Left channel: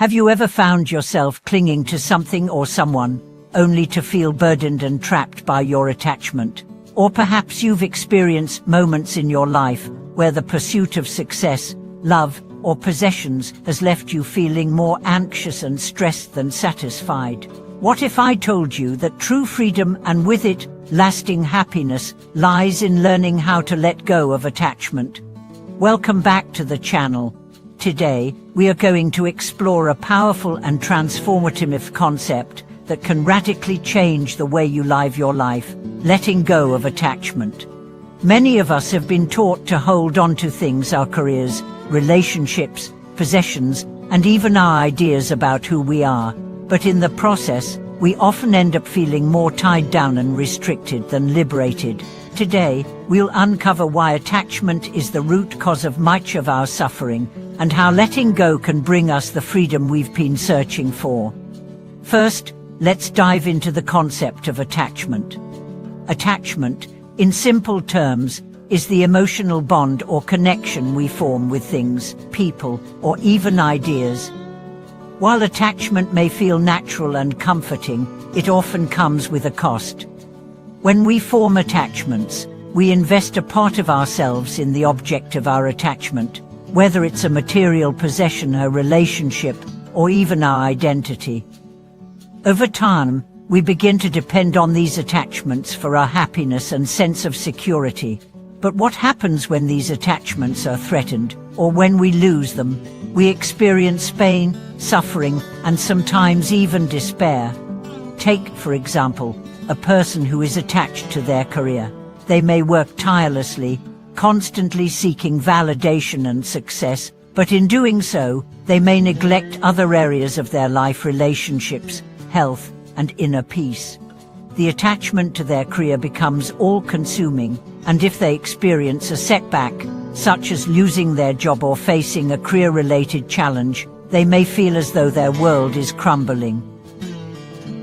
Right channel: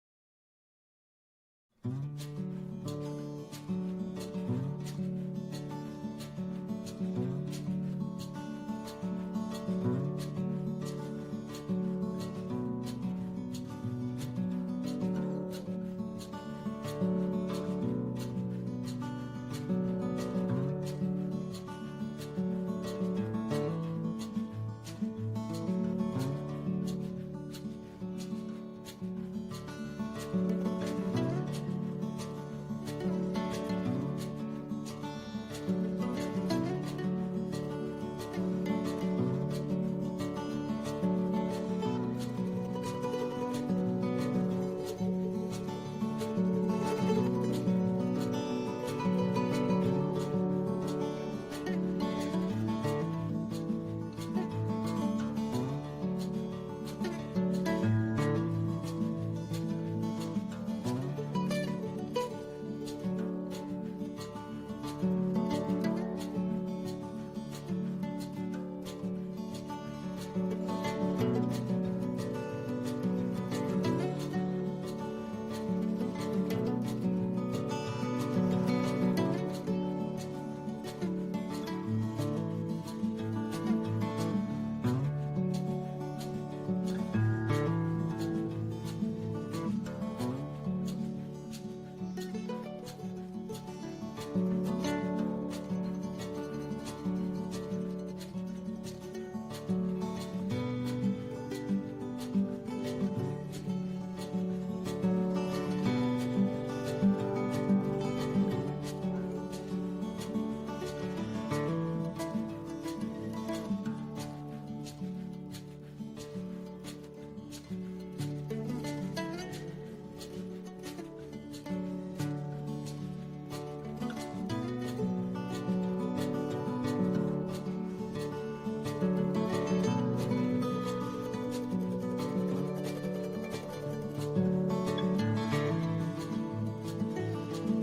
Have you ever found yourself clinging to something or someone, only to feel burdened and trapped by your attachment? Or perhaps you've experienced moments in your life where the pursuit of success, love, or possessions has left you feeling more anxious and stressed than satisfied. What if I told you that true freedom, and with it, lasting happiness, lies in learning how to let go of attachment? Welcome back to the channel. Today, we are going to explore a powerful and transformative concept that can radically change the way you live your life: letting go of attachment. Many of us have been taught to hold on to things: our careers, relationships, possessions, and even our ideas about who we are. But in the process, we often end up feeling more tied down and restricted than liberated. Today, we'll uncover why attachment is the root cause of much of our suffering, and how letting go can bring us the freedom we've been searching for. First, let's dive into the concept of attachment. Attachment, in simple terms, is the emotional bond or connection we form with things, people, or even ideas. While attachment may feel natural and comforting, it often comes with a cost. When we form attachments, we invest a part of ourselves in the object of our attachment, whether it's a material possession, a relationship, or even our identity. Over time, we begin to depend on these attachments for our happiness and sense of security. But what happens when these attachments are threatened, or when we lose them? We experience pain, suffering, and sometimes even despair. Take, for example, a person who is attached to their career. They may work tirelessly, constantly seeking validation and success, but in doing so, they may neglect other areas of their life: relationships, health, and inner peace. The attachment to their career becomes all-consuming, and if they experience a setback, such as losing their job or facing a career-related challenge, they may feel as though their world is crumbling.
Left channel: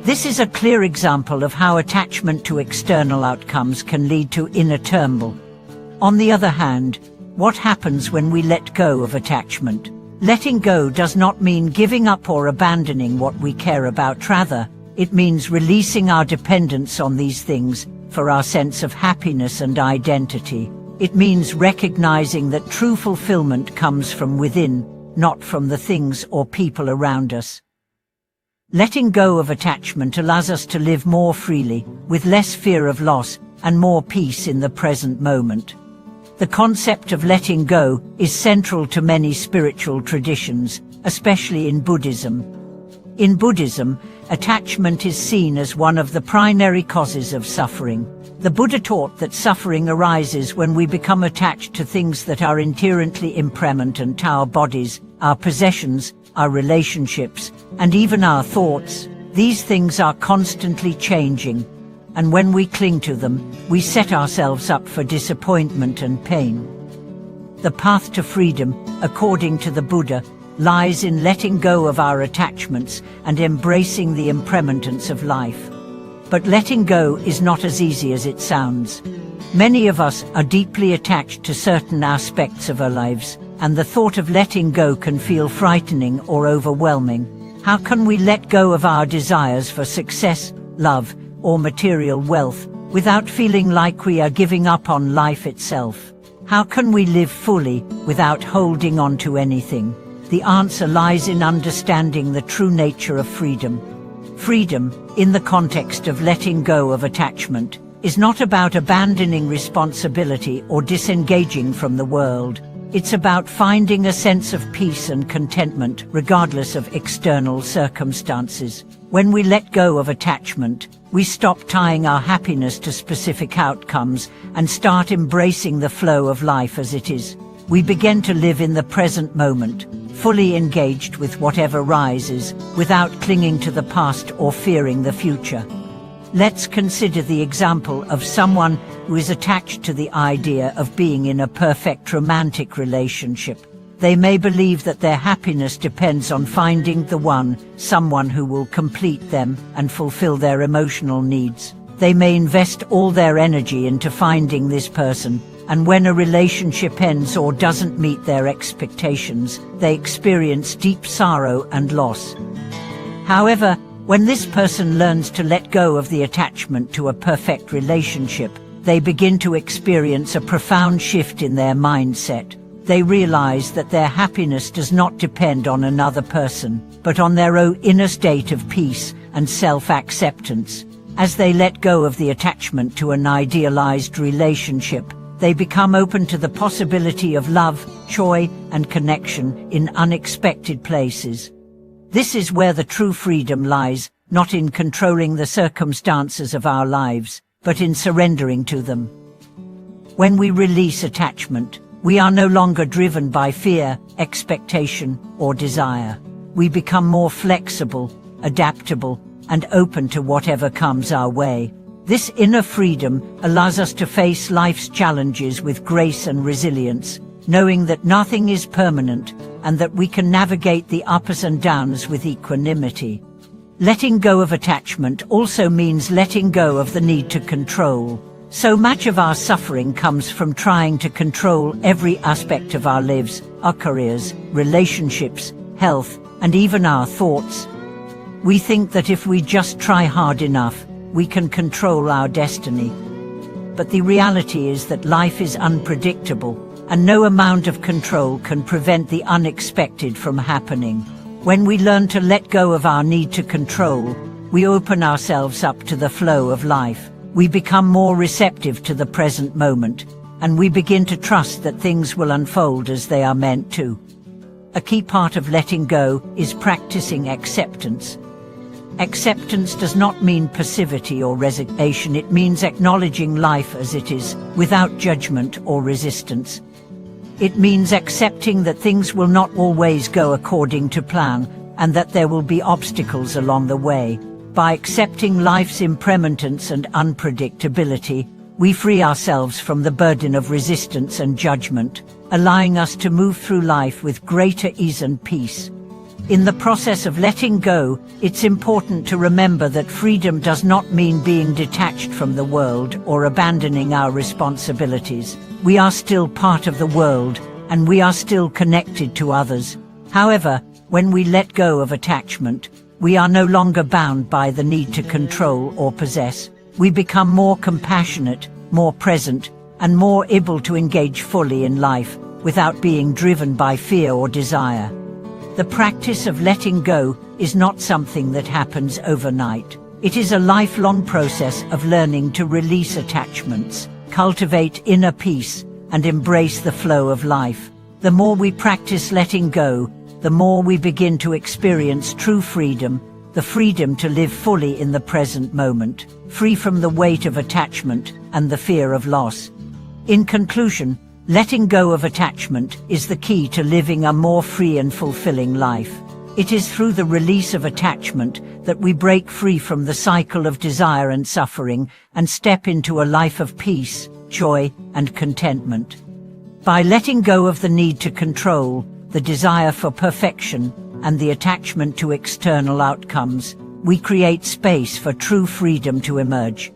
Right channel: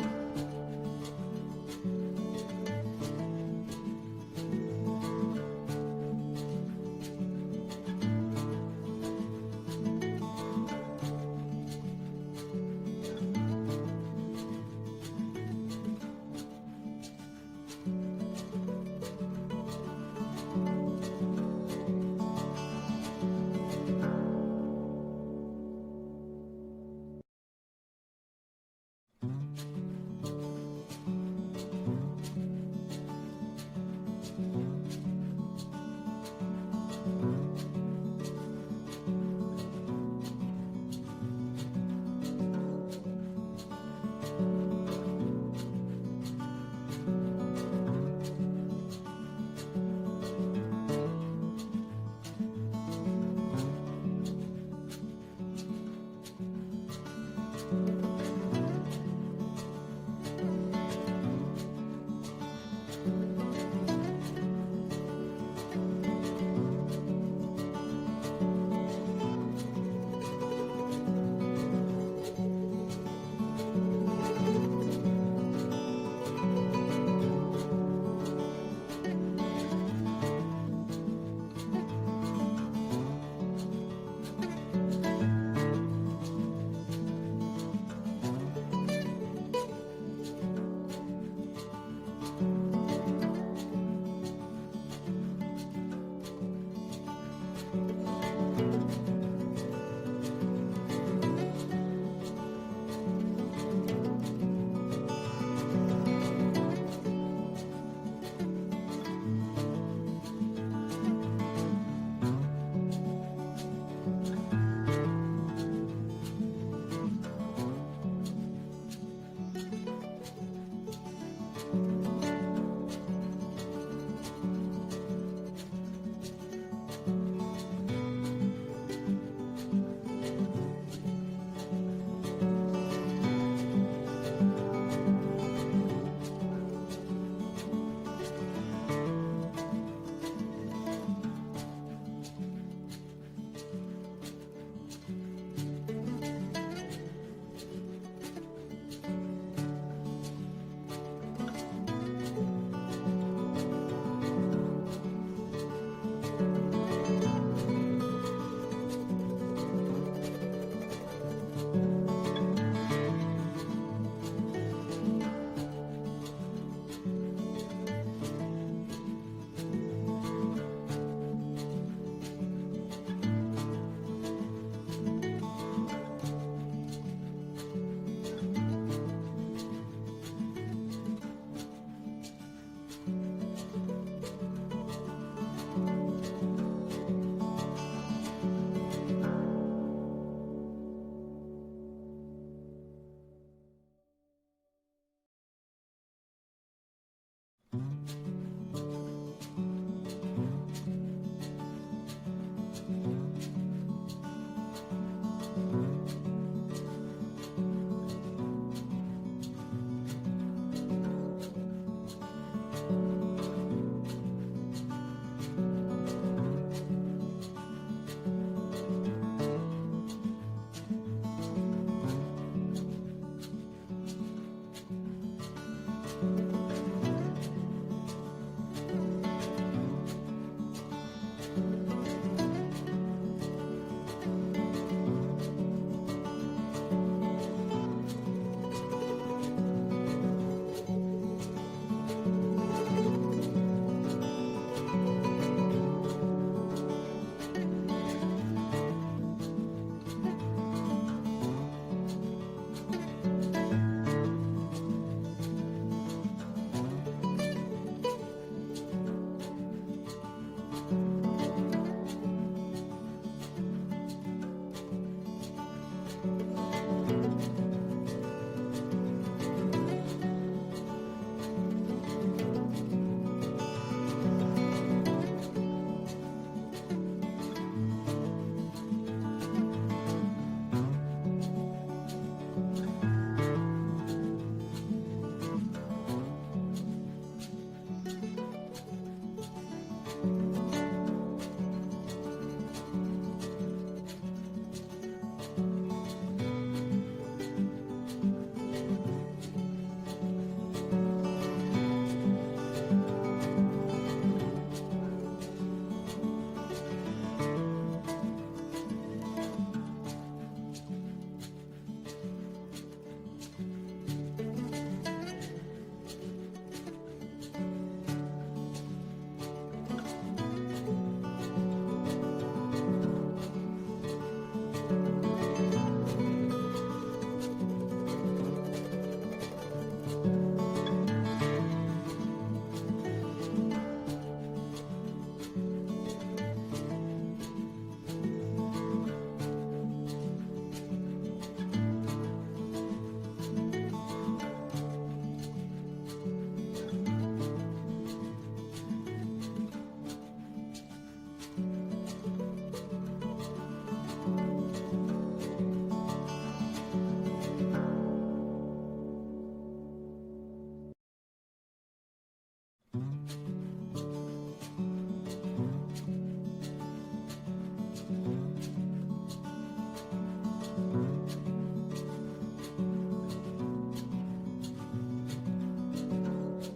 This is a clear example of how attachment to external outcomes can lead to inner turmoil. On the other hand, what happens when we let go of attachment? Letting go does not mean giving up or abandoning what we care about. Rather, it means releasing our dependence on these things for our sense of happiness and identity. It means recognizing that true fulfillment comes from within, not from the things or people around us. Letting go of attachment allows us to live more freely, with less fear of loss, and more peace in the present moment. The concept of letting go is central to many spiritual traditions, especially in Buddhism. In Buddhism, attachment is seen as one of the primary causes of suffering. The Buddha taught that suffering arises when we become attached to things that are inherently impermanent: our bodies, our possessions, our relationships, and even our thoughts. These things are constantly changing, and when we cling to them, we set ourselves up for disappointment and pain. The path to freedom, according to the Buddha, lies in letting go of our attachments and embracing the impermanence of life. But letting go is not as easy as it sounds. Many of us are deeply attached to certain aspects of our lives, and the thought of letting go can feel frightening or overwhelming. How can we let go of our desires for success, love, or material wealth without feeling like we are giving up on life itself? How can we live fully without holding on to anything? The answer lies in understanding the true nature of freedom. Freedom, in the context of letting go of attachment, is not about abandoning responsibility or disengaging from the world. It's about finding a sense of peace and contentment regardless of external circumstances. When we let go of attachment, we stop tying our happiness to specific outcomes and start embracing the flow of life as it is. We begin to live in the present moment, fully engaged with whatever rises, without clinging to the past or fearing the future. Let's consider the example of someone who is attached to the idea of being in a perfect romantic relationship. They may believe that their happiness depends on finding the one, someone who will complete them and fulfill their emotional needs. They may invest all their energy into finding this person, and when a relationship ends or doesn't meet their expectations, they experience deep sorrow and loss. However, when this person learns to let go of the attachment to a perfect relationship, they begin to experience a profound shift in their mindset. They realize that their happiness does not depend on another person, but on their own inner state of peace and self-acceptance. As they let go of the attachment to an idealized relationship, they become open to the possibility of love, joy, and connection in unexpected places. This is where the true freedom lies, not in controlling the circumstances of our lives, but in surrendering to them. When we release attachment, we are no longer driven by fear, expectation, or desire. We become more flexible, adaptable, and open to whatever comes our way. This inner freedom allows us to face life's challenges with grace and resilience, knowing that nothing is permanent and that we can navigate the ups and downs with equanimity. Letting go of attachment also means letting go of the need to control. So much of our suffering comes from trying to control every aspect of our lives, our careers, relationships, health, and even our thoughts. We think that if we just try hard enough, we can control our destiny. But the reality is that life is unpredictable, and no amount of control can prevent the unexpected from happening. When we learn to let go of our need to control, we open ourselves up to the flow of life. We become more receptive to the present moment, and we begin to trust that things will unfold as they are meant to. A key part of letting go is practicing acceptance. Acceptance does not mean passivity or resignation. It means acknowledging life as it is, without judgment or resistance. It means accepting that things will not always go according to plan, and that there will be obstacles along the way. By accepting life's impermanence and unpredictability, we free ourselves from the burden of resistance and judgment, allowing us to move through life with greater ease and peace. In the process of letting go, it's important to remember that freedom does not mean being detached from the world or abandoning our responsibilities. We are still part of the world, and we are still connected to others. However, when we let go of attachment, we are no longer bound by the need to control or possess. We become more compassionate, more present, and more able to engage fully in life without being driven by fear or desire. The practice of letting go is not something that happens overnight. It is a lifelong process of learning to release attachments, cultivate inner peace, and embrace the flow of life. The more we practice letting go, the more we begin to experience true freedom, the freedom to live fully in the present moment, free from the weight of attachment and the fear of loss. In conclusion, letting go of attachment is the key to living a more free and fulfilling life. It is through the release of attachment that we break free from the cycle of desire and suffering and step into a life of peace, joy, and contentment. By letting go of the need to control, the desire for perfection, and the attachment to external outcomes, we create space for true freedom to emerge.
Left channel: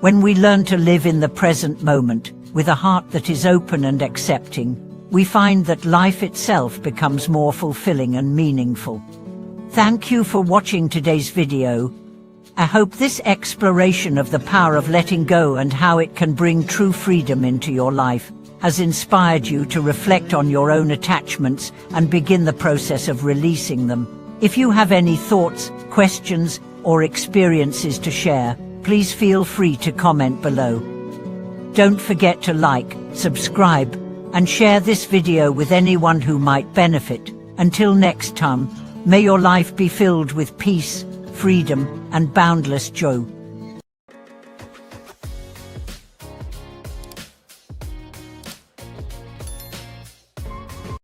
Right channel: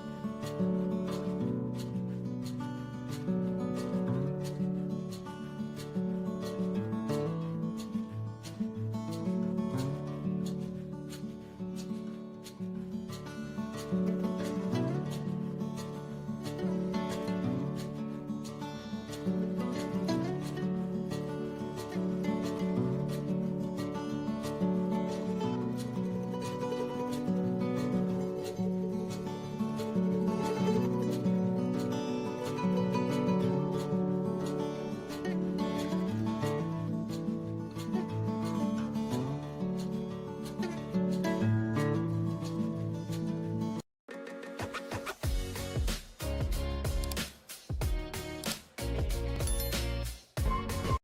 When we learn to live in the present moment, with a heart that is open and accepting, we find that life itself becomes more fulfilling and meaningful. Thank you for watching today's video. I hope this exploration of the power of letting go and how it can bring true freedom into your life has inspired you to reflect on your own attachments and begin the process of releasing them. If you have any thoughts, questions, or experiences to share, please feel free to comment below. Don't forget to like, subscribe, and share this video with anyone who might benefit. Until next time, may your life be filled with peace, freedom, and boundless joy.